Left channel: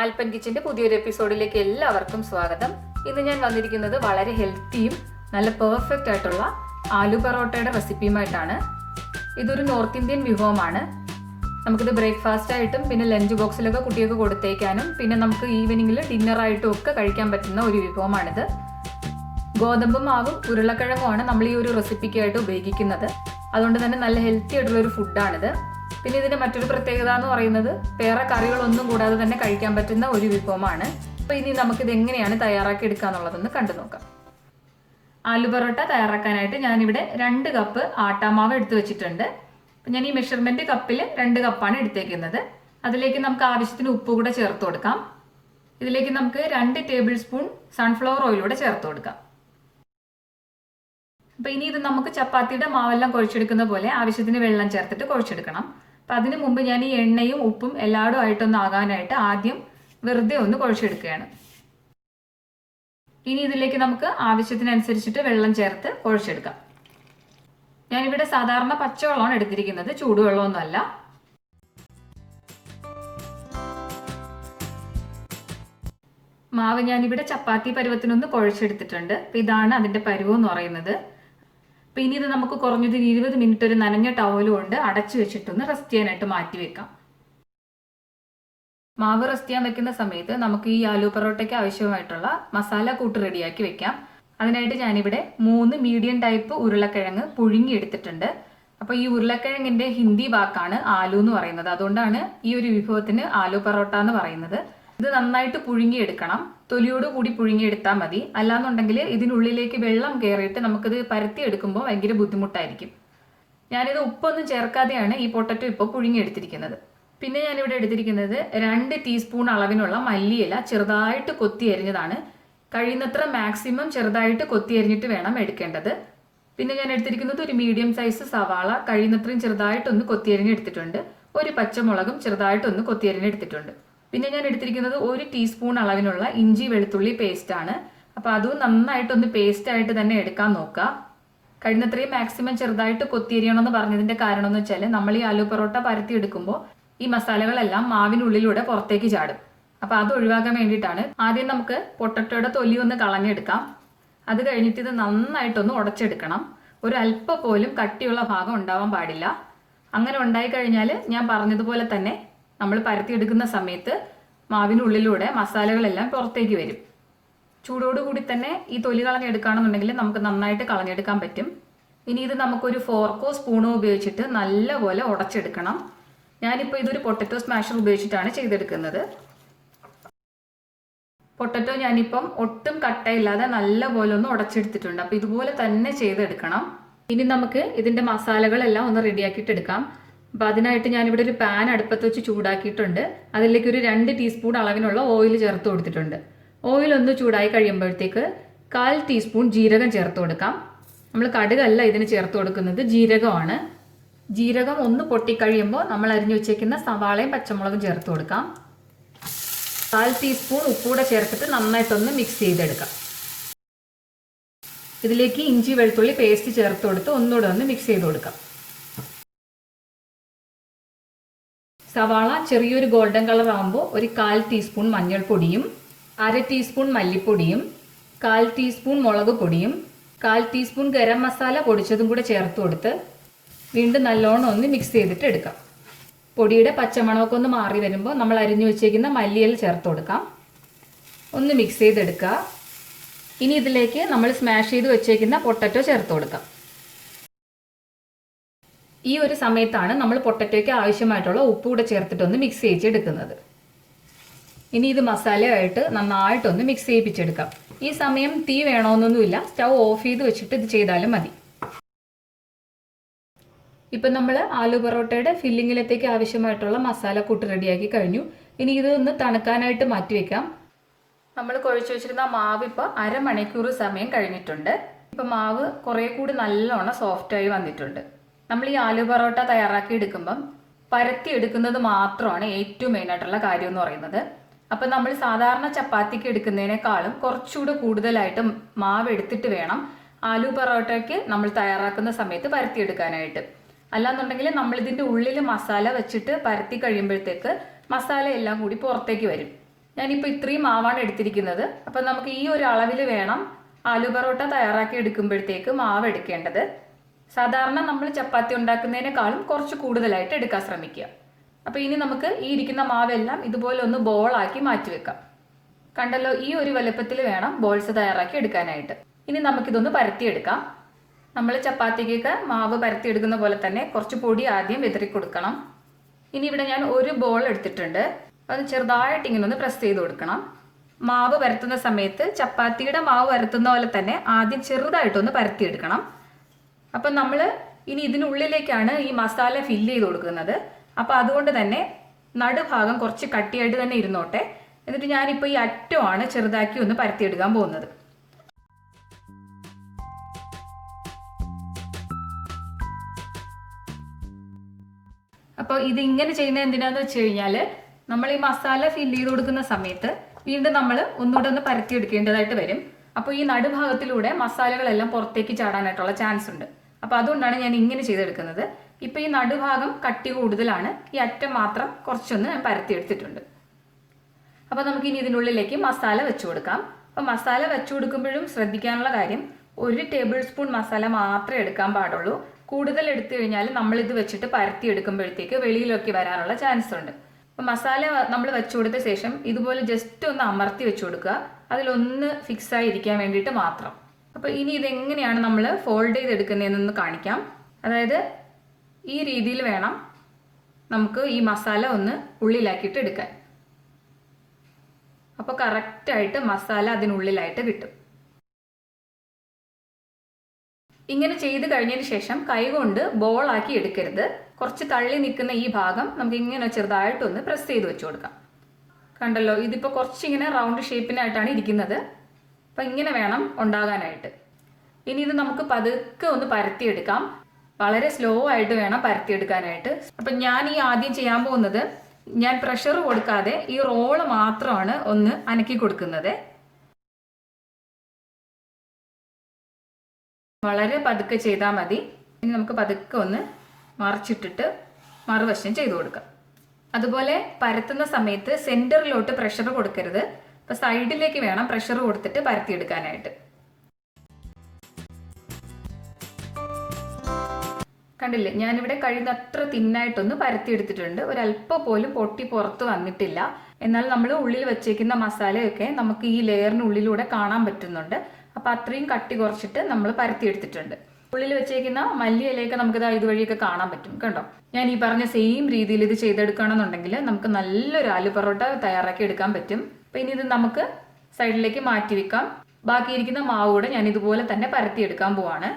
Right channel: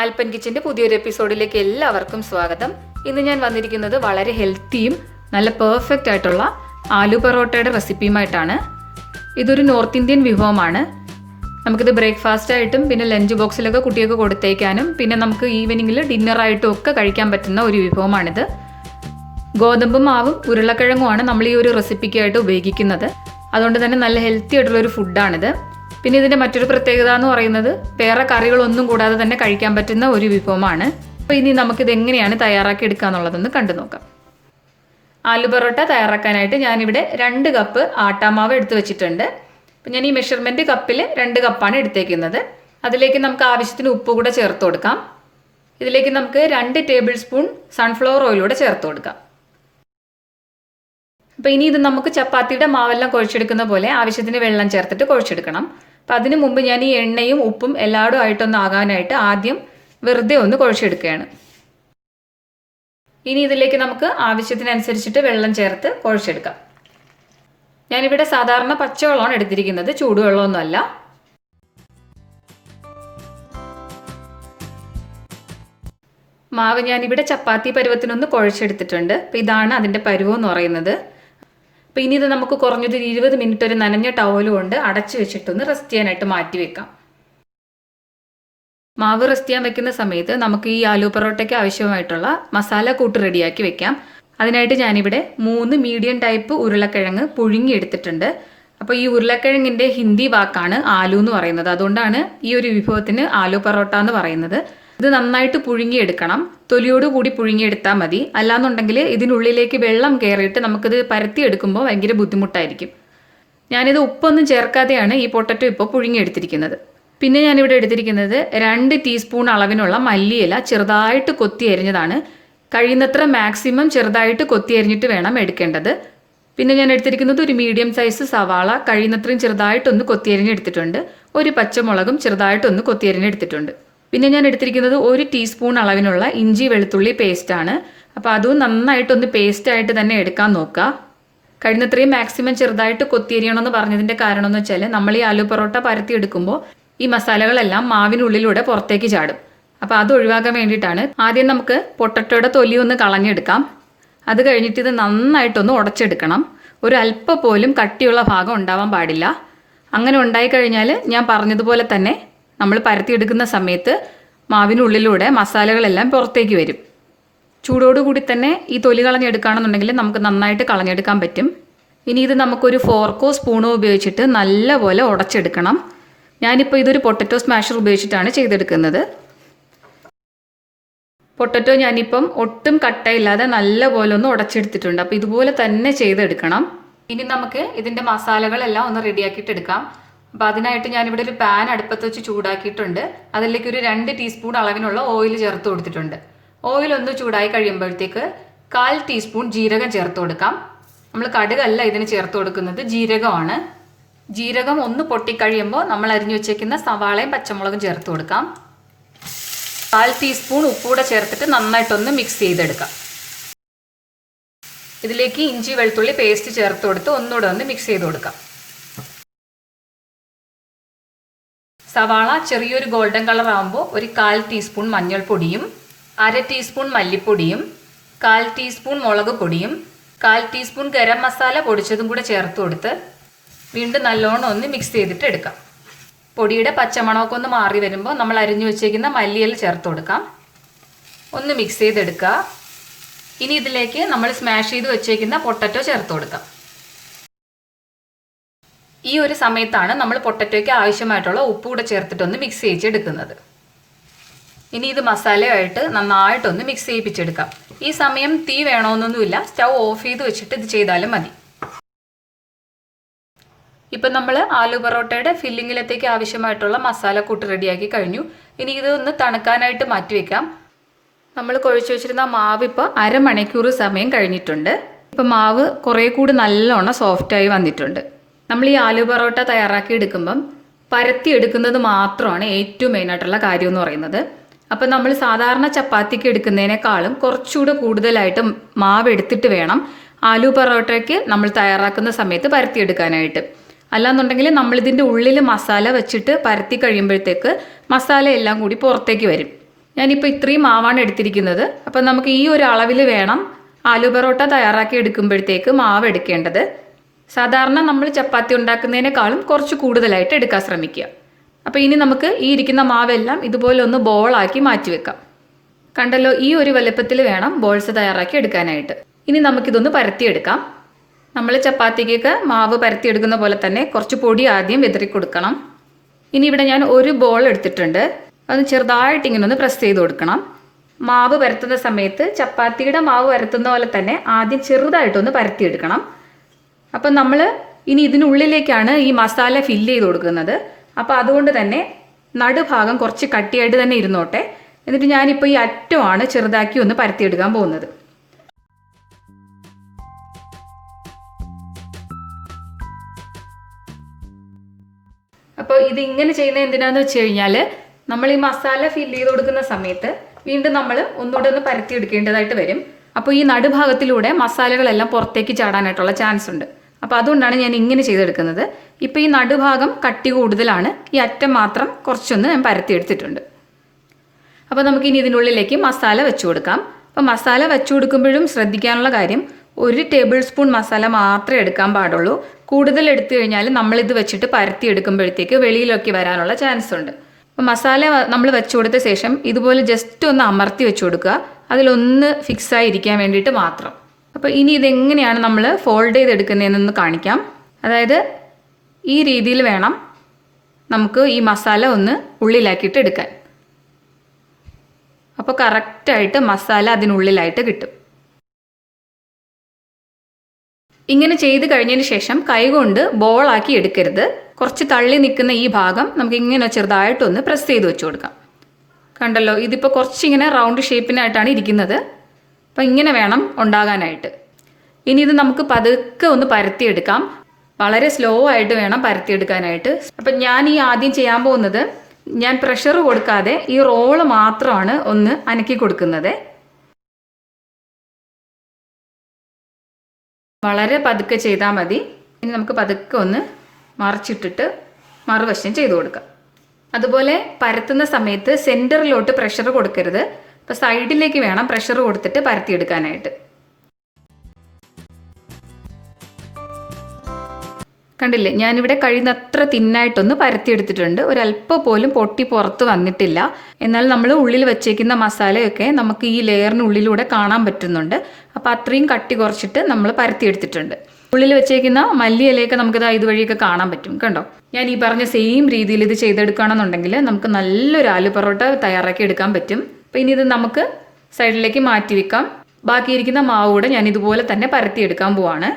ആൽപ്പൻ കിച്ചന്റെ പുതിയൊരു എപ്പിസോഡിലേക്ക് എല്ലാവർക്കും സ്വാഗതം. ഇന്ന് ഞാൻ വന്നിരിക്കുന്നത് വളരെ ഹെൽത്തിയും നല്ല പെർഫെക്റ്റ് ആയിട്ടുള്ള ആലു പൊറോട്ടയുടെ റെസിപ്പിയുമായിട്ടാണ്. ഇതൊരു നോർത്ത് ഇന്ത്യൻ വിഭവമാണ്. നമുക്കിത് ബ്രേക്ക്ഫാസ്റ്റ് ആയിട്ടും പിന്നെ ലഞ്ച് ബോക്സിലൊക്കെ കുട്ടികൾക്ക് കൊടുത്തേക്കാനും പിന്നെ നമുക്ക് ഈവനിങ്ങിൽ ഡിന്നറായിട്ടും ഒക്കെ കഴിക്കാൻ പറ്റുന്ന ഒരു വിഭവമാണിത്. ഗോതമ്പ് മാവും ഉരുളക്കിഴങ്ങുമാണ് നമ്മൾ ഈ ഒരു റെസിപ്പിക്കായിട്ട് ഉപയോഗിക്കുന്നത്. അതുകൊണ്ട് തന്നെ നല്ല ഹെൽത്തി ആയിട്ടുള്ളൊരു ഫുഡാണിത്. പിന്നെ ഇതിൻ്റെ മറ്റൊരു പ്രത്യേകത എന്ന് പറയുന്നത് വേറെ കറികളൊന്നും കൂടാതെ തന്നെ കഴിക്കാൻ പറ്റുന്ന ഒരു വിഭവമാണ്. അപ്പോൾ ഇനി നമുക്കിത് എങ്ങനെയാണ് തയ്യാറാക്കി എടുക്കുക എന്നുള്ളതൊന്ന് കണ്ടു നോക്കാം. ആലു പൊറോട്ട തയ്യാറാക്കാനായിട്ട് ഞാനിവിടെ 2 കപ്പ് ആട്ടാമാവ് എടുത്ത് വെച്ചിട്ടുണ്ട്. അപ്പം ഞാൻ ഈ മെഷർമെൻറ്റ് കപ്പിൽ 2 കപ്പാണ് എടുത്തേക്കുന്നത്. അതിലേക്ക് നമുക്ക് ആവശ്യത്തിന് ഉപ്പ് കൂടെ ചേർത്ത് കൊടുക്കാം. ഇതിലേക്ക് നമുക്ക് 2 ടേബിൾ സ്പൂൺ സൺഫ്ലവർ ഓയിലൂടെ ചേർത്ത് കൊടുക്കാം. അപ്പോൾ ഇനി ഇത് നമുക്ക് ചപ്പാത്തിയുടെ മാവെല്ലാം കുഴച്ചെടുക്കുന്ന പോലെ ആവശ്യത്തിന് വെള്ളം ചേർത്തിട്ട് കുഴച്ചെടുക്കണം. അപ്പം അതിനു മുമ്പ് ഞാൻ ഈ എണ്ണയും ഉപ്പും എല്ലായിടും ആയിട്ടൊന്ന് ആകാനായിട്ട് ആദ്യം വെറുതെ ഒന്ന് കുഴച്ചെടുക്കുകയാണ്. ഇനി ഇതിലേക്ക് നമുക്ക് ആവശ്യത്തിനനുസരിച്ചിട്ട് വെള്ളം ചേർത്ത് കുഴച്ചെടുക്കാം. ഞാനിവിടെ സാധാരണ പച്ചവെള്ളമാണ് എടുത്തിരിക്കുന്നത്, ചൂടുവെള്ളമൊന്നുമല്ല. മാവ് ഞാനിവിടെ ചപ്പാത്തി പരുവത്തിനൊന്ന് കുഴച്ചെടുത്തിട്ടുണ്ട്. അപ്പം ഇതാണ് അതിൻ്റെ പരുവം എന്ന് പറയുന്നത്. അപ്പോൾ ഇനി ഇത് നമുക്ക് കുറഞ്ഞൊരു 20 മിനിറ്റ് ഒരു നനഞ്ഞ ടവൽ കൊണ്ട് അടച്ചു വെച്ചിട്ടൊന്ന് റെസ്റ്റ് ചെയ്യാനായിട്ട് മാറ്റി വെക്കാം. മാവ് റെസ്റ്റ് ചെയ്യാൻ വെക്കുന്ന സമയത്ത് നമുക്ക് ഈ ആലു പൊറോട്ടയ്ക്ക് ആവശ്യമായിട്ടുള്ള മസാല കൂട്ട് റെഡിയാക്കി വെക്കാം. അതിനായിട്ട് ഞാനിവിടെ 3 മീഡിയം ടൈപ്പ് ഉരുളക്കിഴങ്ങ് പുഴുങ്ങി എടുത്തിട്ടുണ്ട്. അപ്പോൾ ഈ ഉരുളക്കിഴങ്ങിൻ്റെ ഹിന്ദി വാക്കാണ് ആലു എന്ന് പറയുന്നത്. അതുകൊണ്ടാണ് ഈ ഒരു വിഭവത്തിന് ആലു പൊറോട്ട എന്ന് പറയുന്നത്. ഇത് നന്നായിട്ട് പുഴുങ്ങിയെടുക്കണം. തൊലിയോട് കൂടി പുഴുങ്ങിയെടുത്താൽ മതി. അല്ലാന്നുണ്ടെങ്കിൽ ഇതിനുള്ളിലേക്ക് വെള്ളം കയറിയിട്ട് നമുക്കിത് പരത്തിയെടുക്കുമ്പോൾ ഭയങ്കര ബുദ്ധിമുട്ടായിരിക്കും. ഞാനിത് ഉപ്പൊന്നും ചേർക്കാതെയാണ് ഈ പൊട്ടറ്റോ ഇപ്പോൾ പുഴുങ്ങിയെടുത്തിരിക്കുന്നത്. പിന്നെ ഞാനിവിടെ എടുത്തിരിക്കുന്നത് 2 ടീസ്പൂൺ അളവിനുള്ള മല്ലിയില ചെറുതായിട്ട് കൊത്തി അരിഞ്ഞതാണ്. കഴിയുന്നത്ര മാക്സിമം ചെറുതായിട്ട് കൊത്തി അരിഞ്ഞിട്ട് വേണം എടുക്കേണ്ടത്. പിന്നെ ഞാൻ എടുത്തിരിക്കുന്നത് ഒരു മീഡിയം സൈസ് സവാള കഴിയുന്നത്രയും ചെറുതായിട്ടൊന്ന് കൊത്തി അരിഞ്ഞെടുത്തിട്ടുണ്ട്. ഒരു പച്ചമുളകും ചെറുതായിട്ടൊന്ന് കൊത്തി അരിഞ്ഞെടുത്തിട്ടുണ്ട്. പിന്നെ ഞാൻ എടുത്തിരിക്കുന്നത് 1 ടീസ്പൂൺ അളവിനുള്ള ഇഞ്ചി വെളുത്തുള്ളി പേസ്റ്റാണ്. അപ്പോൾ അതും നന്നായിട്ടൊന്ന് പേസ്റ്റായിട്ട് തന്നെ എടുക്കാൻ നോക്കുക. കഴിയുന്നത്രയും മാക്സിമം ചെറുതായിട്ട് കൊത്തിയരിയണമെന്ന് പറഞ്ഞതിൻ്റെ കാരണം എന്ന് വെച്ചാൽ നമ്മൾ ഈ ആലു പൊറോട്ട പരത്തിയെടുക്കുമ്പോൾ ഈ മസാലകളെല്ലാം മാവിനുള്ളിലൂടെ പുറത്തേക്ക് ചാടും. അപ്പോൾ അത് ഒഴിവാക്കാൻ വേണ്ടിയിട്ടാണ്. ആദ്യം നമുക്ക് പൊട്ടറ്റോയുടെ തൊലി ഒന്ന് കളഞ്ഞെടുക്കാം. അത് കഴിഞ്ഞിട്ട് ഇത് നന്നായിട്ടൊന്ന് ഉടച്ചെടുക്കണം. ഒരു അല്പം പോലും കട്ടിയുള്ള ഭാഗം ഉണ്ടാവാൻ പാടില്ല. അങ്ങനെ ഉണ്ടായിക്കഴിഞ്ഞാൽ ഞാൻ പറഞ്ഞതുപോലെ തന്നെ നമ്മൾ പരത്തിയെടുക്കുന്ന സമയത്ത് മാവിനുള്ളിലൂടെ മസാലകളെല്ലാം പുറത്തേക്ക് വരും. ചൂടോടുകൂടി തന്നെ ഈ തൊലി കളഞ്ഞെടുക്കുകയാണെന്നുണ്ടെങ്കിൽ നമുക്ക് നന്നായിട്ട് കളഞ്ഞെടുക്കാൻ പറ്റും. ഇനി ഇത് നമുക്കൊരു ഫോർക്കോ സ്പൂണോ ഉപയോഗിച്ചിട്ട് നല്ലപോലെ ഉടച്ചെടുക്കണം. ഞാനിപ്പോൾ ഇതൊരു പൊട്ടറ്റോ സ്മാഷർ ഉപയോഗിച്ചിട്ടാണ് ചെയ്തെടുക്കുന്നത്. പൊട്ടറ്റോ ഞാനിപ്പം ഒട്ടും കട്ടയില്ലാതെ നല്ലപോലെ ഒന്ന് ഉടച്ചെടുത്തിട്ടുണ്ട്. അപ്പോൾ ഇതുപോലെ തന്നെ ചെയ്തെടുക്കണം. ഇനി നമുക്ക് ഇതിൻ്റെ മസാലകളെല്ലാം ഒന്ന് റെഡിയാക്കിയിട്ട് എടുക്കാം. അപ്പോൾ അതിനായിട്ട് ഞാനിവിടെ ഒരു പാൻ അടുപ്പത്ത് വെച്ച് ചൂടാക്കിയിട്ടുണ്ട്. അതിലേക്ക് ഒരു 2 ടീസ്പൂൺ അളവിനുള്ള ഓയിൽ ചേർത്ത് കൊടുത്തിട്ടുണ്ട്. ഓയിൽ ഒന്ന് ചൂടായി കഴിയുമ്പോഴത്തേക്ക് 1/4 ടീസ്പൂൺ ജീരകം ചേർത്ത് കൊടുക്കാം. നമ്മൾ കടുകല്ല ഇതിന് ചേർത്ത് കൊടുക്കുന്നത്, ജീരകമാണ്. ജീരകം ഒന്ന് പൊട്ടിക്കഴിയുമ്പോൾ നമ്മൾ അരിഞ്ഞു വെച്ചേക്കുന്ന സവാളയും പച്ചമുളകും ചേർത്ത് കൊടുക്കാം. 1/4 ടീസ്പൂൺ ഉപ്പൂടെ ചേർത്തിട്ട് നന്നായിട്ടൊന്ന് മിക്സ് ചെയ്തെടുക്കാം. ഇതിലേക്ക് ഇഞ്ചി വെളുത്തുള്ളി പേസ്റ്റ് ചേർത്ത് കൊടുത്ത് ഒന്നുകൂടെ ഒന്ന് മിക്സ് ചെയ്ത് കൊടുക്കാം. സവാള ചെറിയൊരു ഗോൾഡൻ കളർ ആകുമ്പോൾ ഒരു 1/4 ടീസ്പൂൺ മഞ്ഞൾപ്പൊടിയും 1/2 ടീസ്പൂൺ മല്ലിപ്പൊടിയും 1/4 ടീസ്പൂൺ മുളക് പൊടിയും 1/4 ടീസ്പൂൺ ഗരം മസാല പൊടിച്ചതും കൂടെ ചേർത്ത് കൊടുത്ത് വീണ്ടും നല്ലോണം ഒന്ന് മിക്സ് ചെയ്തിട്ട് എടുക്കാം. പൊടിയുടെ പച്ചമണമൊക്കെ ഒന്ന് മാറി വരുമ്പോൾ നമ്മൾ അരിഞ്ഞു വെച്ചേക്കുന്ന മല്ലിയില ചേർത്ത് കൊടുക്കാം. ഒന്ന് മിക്സ് ചെയ്തെടുക്കുക. ഇനി ഇതിലേക്ക് നമ്മൾ സ്മാഷ് ചെയ്ത് വെച്ചേക്കുന്ന പൊട്ടറ്റോ ചേർത്ത് കൊടുക്കാം. ഈ ഒരു സമയത്താണ് നമ്മൾ പൊട്ടറ്റോയ്ക്ക് ആവശ്യമായിട്ടുള്ള ഉപ്പ് കൂടെ ചേർത്തിട്ടൊന്ന് മിക്സ് ചെയ്യിച്ചെടുക്കുന്നത്. ഇനി ഇത് മസാലയായിട്ട് നന്നായിട്ടൊന്ന് മിക്സ് ചെയ്യിപ്പിച്ചെടുക്കാം. ഈ സമയം തീ വേണമെന്നൊന്നുമില്ല, സ്റ്റൗ ഓഫ് ചെയ്ത് വെച്ചിട്ട് ഇത് ചെയ്താലും മതി. ഇപ്പം നമ്മൾ ആലു പൊറോട്ടയുടെ ഫില്ലിങ്ങിലത്തേക്ക് ആവശ്യമായിട്ടുള്ള മസാല കൂട്ട് റെഡിയാക്കി കഴിഞ്ഞു. ഇനി ഇത് ഒന്ന് തണുക്കാനായിട്ട് മാറ്റി വെക്കാം. നമ്മൾ കുഴച്ച് വെച്ചിരുന്ന മാവ് ഇപ്പോൾ അരമണിക്കൂർ സമയം കഴിഞ്ഞിട്ടുണ്ട്. ഇപ്പം മാവ് കുറേ കൂടി നല്ലോണം സോഫ്റ്റായി വന്നിട്ടുണ്ട്. നമ്മൾ ഈ ആലു പൊറോട്ട തയ്യാറാക്കി എടുക്കുമ്പം പരത്തി എടുക്കുന്നത് മാത്രമാണ് ഏറ്റവും മെയിനായിട്ടുള്ള കാര്യം എന്ന് പറയുന്നത്. അപ്പം നമ്മൾ സാധാരണ ചപ്പാത്തിക്ക് എടുക്കുന്നതിനേക്കാളും കുറച്ചുകൂടെ കൂടുതലായിട്ട് മാവ് എടുത്തിട്ട് വേണം ആലു പൊറോട്ടയ്ക്ക് നമ്മൾ തയ്യാറാക്കുന്ന സമയത്ത് പരത്തിയെടുക്കാനായിട്ട്. അല്ലാന്നുണ്ടെങ്കിൽ നമ്മളിതിൻ്റെ ഉള്ളിൽ മസാല വെച്ചിട്ട് പരത്തി കഴിയുമ്പോഴത്തേക്ക് മസാല എല്ലാം കൂടി പുറത്തേക്ക് വരും. ഞാനിപ്പോൾ ഇത്രയും മാവാണ് എടുത്തിരിക്കുന്നത്. അപ്പോൾ നമുക്ക് ഈ ഒരു അളവിൽ വേണം ആലു പൊറോട്ട തയ്യാറാക്കി എടുക്കുമ്പോഴത്തേക്ക് മാവ് എടുക്കേണ്ടത്. സാധാരണ നമ്മൾ ചപ്പാത്തി ഉണ്ടാക്കുന്നതിനേക്കാളും കുറച്ച് കൂടുതലായിട്ട് എടുക്കാൻ ശ്രമിക്കുക. അപ്പോൾ ഇനി നമുക്ക് ഈ ഇരിക്കുന്ന മാവെല്ലാം ഇതുപോലെ ഒന്ന് ബോളാക്കി മാറ്റി വെക്കാം. കണ്ടല്ലോ, ഈ ഒരു വലുപ്പത്തിൽ വേണം ബോൾസ് തയ്യാറാക്കി എടുക്കാനായിട്ട്. ഇനി നമുക്കിതൊന്ന് പരത്തിയെടുക്കാം. നമ്മൾ ചപ്പാത്തിക്കൊക്കെ മാവ് പരത്തിയെടുക്കുന്ന പോലെ തന്നെ കുറച്ച് പൊടി ആദ്യം വിതറി കൊടുക്കണം. ഇനി ഇവിടെ ഞാൻ ഒരു ബോൾ എടുത്തിട്ടുണ്ട്. അത് ചെറുതായിട്ട് ഇങ്ങനെ ഒന്ന് പ്രസ് ചെയ്ത് കൊടുക്കണം. മാവ് പരത്തുന്ന സമയത്ത് ചപ്പാത്തിയുടെ മാവ് പരത്തുന്ന പോലെ തന്നെ ആദ്യം ചെറുതായിട്ടൊന്ന് പരത്തിയെടുക്കണം. അപ്പം നമ്മൾ ഇനി ഇതിനുള്ളിലേക്കാണ് ഈ മസാല ഫില്ല് ചെയ്ത് കൊടുക്കുന്നത്. അപ്പോൾ അതുകൊണ്ട് തന്നെ നടുഭാഗം കുറച്ച് കട്ടിയായിട്ട് തന്നെ ഇരുന്നോട്ടെ. എന്നിട്ട് ഞാനിപ്പോൾ ഈ അറ്റമാണ് ചെറുതാക്കി ഒന്ന് പരത്തിയെടുക്കാൻ പോകുന്നത്. അപ്പോൾ ഇതിങ്ങനെ ചെയ്യുന്നത് എന്തിനാന്ന് വെച്ച് കഴിഞ്ഞാൽ നമ്മൾ ഈ മസാല ഫില്ല് ചെയ്ത് കൊടുക്കുന്ന സമയത്ത് വീണ്ടും നമ്മൾ ഒന്നുകൂടെ ഒന്ന് പരത്തിയെടുക്കേണ്ടതായിട്ട് വരും. അപ്പോൾ ഈ നടുഭാഗത്തിലൂടെ മസാലകളെല്ലാം പുറത്തേക്ക് ചാടാനായിട്ടുള്ള ചാൻസ് ഉണ്ട്. അപ്പോൾ അതുകൊണ്ടാണ് ഞാൻ ഇങ്ങനെ ചെയ്തെടുക്കുന്നത്. ഇപ്പോൾ ഈ നടുഭാഗം കട്ടി കൂടുതലാണ്, ഈ അറ്റം മാത്രം കുറച്ചൊന്ന് ഞാൻ പരത്തിയെടുത്തിട്ടുണ്ട്. അപ്പോൾ നമുക്കിനി ഇതിനുള്ളിലേക്ക് മസാല വെച്ച് കൊടുക്കാം. അപ്പോൾ മസാല വെച്ച് കൊടുക്കുമ്പോഴും ശ്രദ്ധിക്കാനുള്ള കാര്യം, 1 ടേബിൾ സ്പൂൺ മസാല മാത്രമേ എടുക്കാൻ പാടുള്ളൂ. കൂടുതൽ എടുത്തു കഴിഞ്ഞാൽ നമ്മളിത് വെച്ചിട്ട് പരത്തി എടുക്കുമ്പോഴത്തേക്ക് വെളിയിലൊക്കെ വരാനുള്ള ചാൻസ് ഉണ്ട്. അപ്പോൾ മസാല നമ്മൾ വെച്ച് കൊടുത്ത ശേഷം ഇതുപോലെ ജസ്റ്റ് ഒന്ന് അമർത്തി വെച്ച് കൊടുക്കുക, അതിലൊന്ന് ഫിക്സായി ഇരിക്കാൻ വേണ്ടിയിട്ട് മാത്രം. അപ്പോൾ ഇനി ഇതെങ്ങനെയാണ് നമ്മൾ ഫോൾഡ് ചെയ്തെടുക്കുന്നതെന്ന് കാണിക്കാം. അതായത് ഈ രീതിയിൽ വേണം നമുക്ക് ഈ മസാല ഒന്ന് ഉള്ളിലാക്കിയിട്ട് എടുക്കാൻ. അപ്പോൾ കറക്റ്റായിട്ട് മസാല അതിനുള്ളിലായിട്ട് കിട്ടും. ഇങ്ങനെ ചെയ്ത് കഴിഞ്ഞതിന് ശേഷം കൈകൊണ്ട് ബോളാക്കി എടുക്കരുത്. കുറച്ച് തള്ളി നിൽക്കുന്ന ഈ ഭാഗം നമുക്ക് ഇങ്ങനെ ചെറുതായിട്ടൊന്ന് പ്രസ് ചെയ്ത് വെച്ച് കൊടുക്കാം. കണ്ടല്ലോ, ഇതിപ്പോൾ കുറച്ചിങ്ങനെ റൗണ്ട് ഷേപ്പിനായിട്ടാണ് ഇരിക്കുന്നത്. അപ്പോൾ ഇങ്ങനെ വേണം ഉണ്ടാകാനായിട്ട്. ഇനി ഇത് നമുക്ക് പതുക്കെ ഒന്ന് പരത്തിയെടുക്കാം. വളരെ സ്ലോ ആയിട്ട് വേണം പരത്തിയെടുക്കാനായിട്ട്. അപ്പം ഞാൻ ഈ ആദ്യം ചെയ്യാൻ പോകുന്നത്, ഞാൻ പ്രഷർ കൊടുക്കാതെ ഈ റോള് മാത്രമാണ് ഒന്ന് അനക്കി കൊടുക്കുന്നത്. വളരെ പതുക്കെ ചെയ്താൽ മതി. ഇനി നമുക്ക് പതുക്കെ ഒന്ന് മറിച്ചിട്ടിട്ട് മറുവശം ചെയ്ത് കൊടുക്കാം. അതുപോലെ പരത്തുന്ന സമയത്ത് സെൻറ്ററിലോട്ട് പ്രഷർ കൊടുക്കരുത്. അപ്പോൾ സൈഡിലേക്ക് വേണം പ്രഷർ കൊടുത്തിട്ട് പരത്തിയെടുക്കാനായിട്ട്. കണ്ടില്ലേ, ഞാനിവിടെ കഴിയുന്നത്ര തിന്നായിട്ടൊന്ന് പരത്തിയെടുത്തിട്ടുണ്ട്. ഒരല്പം പോലും പൊട്ടി പുറത്ത് വന്നിട്ടില്ല. എന്നാൽ നമ്മൾ ഉള്ളിൽ വെച്ചേക്കുന്ന മസാലയൊക്കെ നമുക്ക് ഈ ലെയറിനുള്ളിലൂടെ കാണാൻ പറ്റുന്നുണ്ട്. അപ്പോൾ അത്രയും കട്ടി കുറച്ചിട്ട് നമ്മൾ പരത്തിയെടുത്തിട്ടുണ്ട്. ഉള്ളിൽ വെച്ചേക്കുന്ന മല്ലിയിലയൊക്കെ നമുക്കിത് ഇതുവഴിയൊക്കെ കാണാൻ പറ്റും. കണ്ടോ, ഞാൻ ഈ പറഞ്ഞ സെയിം രീതിയിൽ ഇത് ചെയ്തെടുക്കുകയാണെന്നുണ്ടെങ്കിൽ നമുക്ക് നല്ലൊരു ആലു പൊറോട്ട തയ്യാറാക്കി എടുക്കാൻ പറ്റും. അപ്പോൾ ഇനി ഇത് നമുക്ക് സൈഡിലേക്ക് മാറ്റി വെക്കാം. ബാക്കിയിരിക്കുന്ന മാവ് കൂടെ ഞാൻ ഇതുപോലെ തന്നെ പരത്തിയെടുക്കാൻ പോവാണ്.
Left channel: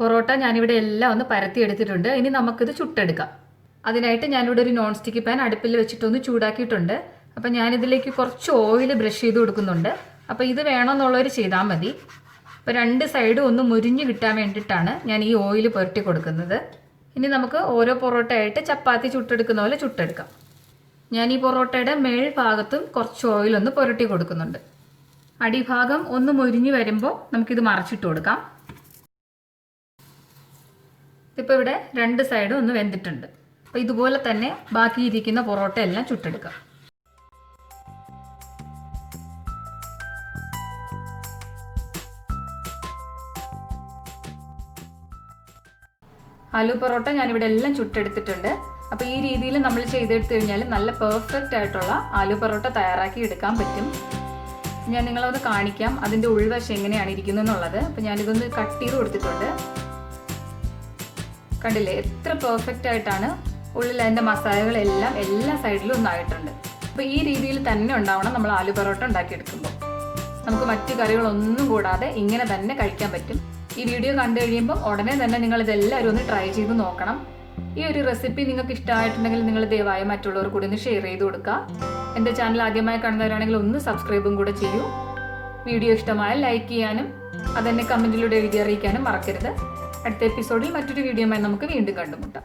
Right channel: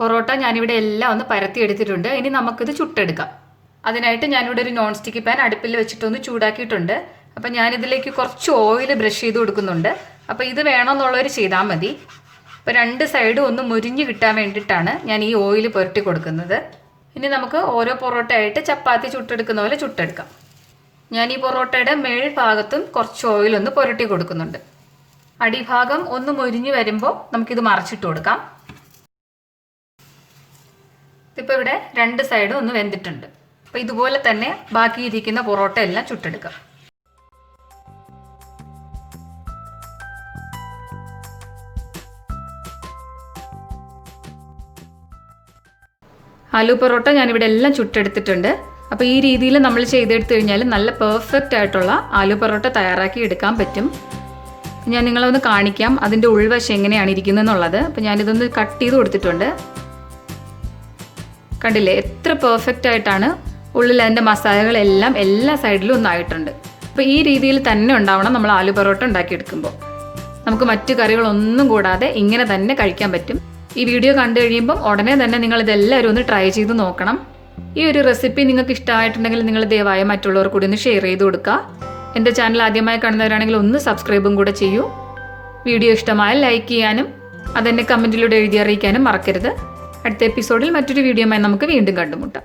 പൊറോട്ട ഞാനിവിടെ എല്ലാം ഒന്ന് പരത്തി എടുത്തിട്ടുണ്ട്. ഇനി നമുക്കിത് ചുട്ടെടുക്കാം. അതിനായിട്ട് ഞാനിവിടെ ഒരു നോൺ സ്റ്റിക്ക് പാൻ അടുപ്പിൽ വെച്ചിട്ടൊന്ന് ചൂടാക്കിയിട്ടുണ്ട്. അപ്പം ഞാനിതിലേക്ക് കുറച്ച് ഓയിൽ ബ്രഷ് ചെയ്ത് കൊടുക്കുന്നുണ്ട്. അപ്പോൾ ഇത് വേണമെന്നുള്ളവർ ചെയ്താൽ മതി. അപ്പോൾ 2 സൈഡും ഒന്ന് മുരിഞ്ഞ് കിട്ടാൻ വേണ്ടിയിട്ടാണ് ഞാൻ ഈ ഓയിൽ പുരട്ടി കൊടുക്കുന്നത്. ഇനി നമുക്ക് ഓരോ പൊറോട്ടയായിട്ട് ചപ്പാത്തി ചുട്ടെടുക്കുന്ന പോലെ ചുട്ടെടുക്കാം. ഞാൻ ഈ പൊറോട്ടയുടെ മേൽഭാഗത്തും കുറച്ച് ഓയിലൊന്ന് പുരട്ടി കൊടുക്കുന്നുണ്ട്. അടിഭാഗം ഒന്ന് മുരിഞ്ഞ് വരുമ്പോൾ നമുക്കിത് മറിച്ചിട്ട് കൊടുക്കാം. ഇപ്പോൾ ഇവിടെ 2 സൈഡും ഒന്ന് വെന്തിട്ടുണ്ട്. അപ്പോൾ ഇതുപോലെ തന്നെ ബാക്കിയിരിക്കുന്ന പൊറോട്ട എല്ലാം ചുട്ടെടുക്കാം. ആലു പൊറോട്ട ഞാനിവിടെ എല്ലാം ചുട്ടെടുത്തിട്ടുണ്ട്. അപ്പോൾ ഈ രീതിയിൽ നമ്മൾ ചെയ്തെടുത്തു കഴിഞ്ഞാൽ നല്ല പെർഫെക്റ്റ് ആയിട്ടുള്ള ആലു പൊറോട്ട തയ്യാറാക്കി എടുക്കാൻ പറ്റും. ഞാൻ നിങ്ങളൊന്ന് കാണിക്കാം അതിൻ്റെ ഉൾവശം എങ്ങനെയാണ് ഇരിക്കുന്നതെന്നുള്ളത്. അപ്പോൾ ഞാനിതൊന്ന് കട്ട് ചെയ്ത് കൊടുത്തിട്ടുണ്ട്. കണ്ടില്ലേ, എത്ര പെർഫെക്റ്റ് ആയിട്ടാണ് ഉള്ളിൽ അതിൻ്റെ മസാലകളെല്ലാം എല്ലാ സൈഡിലും ഒന്നായിട്ടുണ്ട്. അപ്പോൾ ഈ രീതിയിൽ തന്നെ ഉണ്ടാവണം നമ്മൾ ആലു പൊറോട്ട ഉണ്ടാക്കിയെടുക്കുമ്പോൾ. നമുക്ക് മറ്റു കറികളൊന്നും കൂടാതെ ഇങ്ങനെ തന്നെ കഴിക്കാൻ പറ്റും. ഈ വീഡിയോ കണ്ടു കഴിയുമ്പോൾ ഉടനെ തന്നെ നിങ്ങളിതെല്ലാവരും ഒന്ന് ട്രൈ ചെയ്ത് നോക്കണം. ഈ ഒരു റെസിപ്പി നിങ്ങൾക്ക് ഇഷ്ടമായിട്ടുണ്ടെങ്കിൽ നിങ്ങൾ ദയവായി മറ്റുള്ളവർ കൂടി ഒന്ന് ഷെയർ ചെയ്ത് കൊടുക്കുക. എൻ്റെ ചാനൽ ആദ്യമായി കാണുന്നവരാണെങ്കിൽ ഒന്ന് സബ്സ്ക്രൈബും കൂടെ ചെയ്യൂ. വീഡിയോ ഇഷ്ടമായാൽ ലൈക്ക് ചെയ്യാനും അതെന്നെ കമൻറ്റിലൂടെ എഴുതി അറിയിക്കാനും മറക്കരുത്. അടുത്ത എപ്പിസോഡിൽ മറ്റൊരു വീഡിയോയുമായി നമുക്ക് വീണ്ടും കണ്ടുമുട്ടാം.